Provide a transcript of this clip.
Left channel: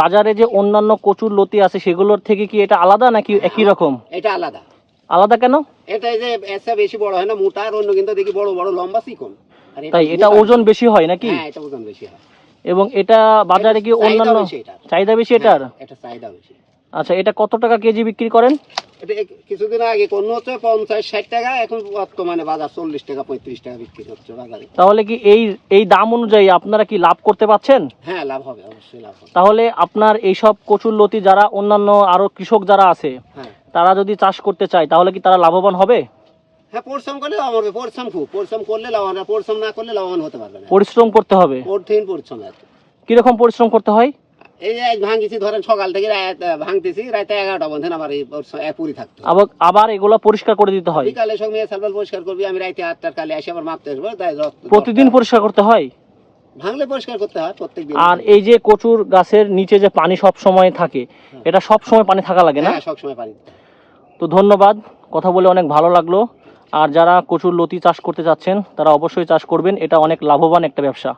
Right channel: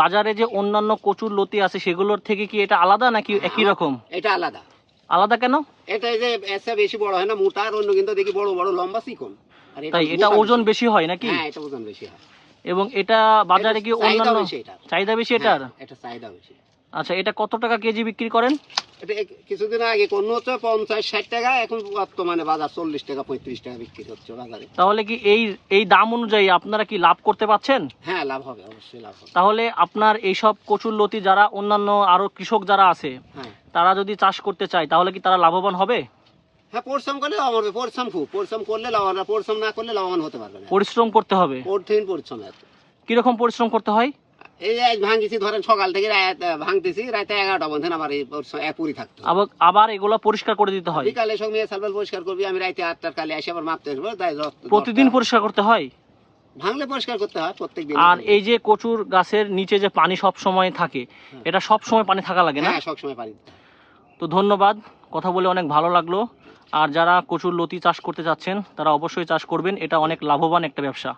বাজারে যে অন্যান্য কচুর লতি আছে সেগুলোর থেকে কি এটা আলাদা নাকি একই রকম? এটা আলাদা। আলাদা কেন? এটা এই যে এসে বেশি বড় হয় না, মোটা, আর অন্য কিন্তু দেখি বড় বড় লম্বা চিকন। আর তাই এটা ওজন বেশি হয় নাকি? হ্যাঁ, এটা ওজন বেশি হয়। এবং এটা বাজারে কি অন্যান্য চাহিদা বেশি এটার? এটা চাহিদা বেশি। আচ্ছা, এটা কত টাকা কেজি বিক্রি করেন? এটা কিছুদিন আগে কোন হচ্ছে 50-60 টাকা, এখন বর্তমানে বাজার 40 টাকা 35 টাকা বিক্রি হচ্ছে বাজারে। তাহলে কি এই দাম অনুযায়ী আপনারা কি লাভ করতে পারছেন? হ্যাঁ, লাভ হবে, অবশ্যই লাভ হবে। তাহলে আপনার এইসব কচুর লতি যারা অন্যান্য আরো কৃষক যারা আছে তারা যদি চাষ করতে চায় তাহলে কি তারা লাভবান হবে? হ্যাঁ, পরিশ্রম করলে লাভ হবে। পরিশ্রম করলে লাভবান, পরিশ্রম না করলে লাভবান হতে পারবে না। পরিশ্রম করতে হবে। কঠিন পরিশ্রম আছে। কিরকম পরিশ্রম করতে হয়? এই ভাঙতেছি, ধরেন সকাল থেকে ভাঙতেছি, রাতে 11টা পর্যন্ত আমার এই পুরি থাকতো। আবার এগুলো পরিষ্কার করে দিতে হয়। বিকালে সব মেয়ে সালবাল পরিষ্কার করবি, আমি রাতে 8টার কালে এসে আবার মাপতে আসবো। তাই প্রতিদিন পরিষ্কার করতে হয়? ভাঙলে পরিষ্কার করতে হয় প্রত্যেকদিন। আর এই যে কচুর গাছের নিচে যে পানি সব সময় থাকে, এটা সব সময় পানি থাকা লাগে না? হ্যাঁ, সব সময় পানি। তো ধন্যবাদ, কথা বলে অনেক ভালো লাগলো। আর যারা কচুর লতি চাষ করতে চাচ্ছেন তারা অবশ্যই চাষ করবেন, এটা অনেক লাভবান একটা ব্যবসা।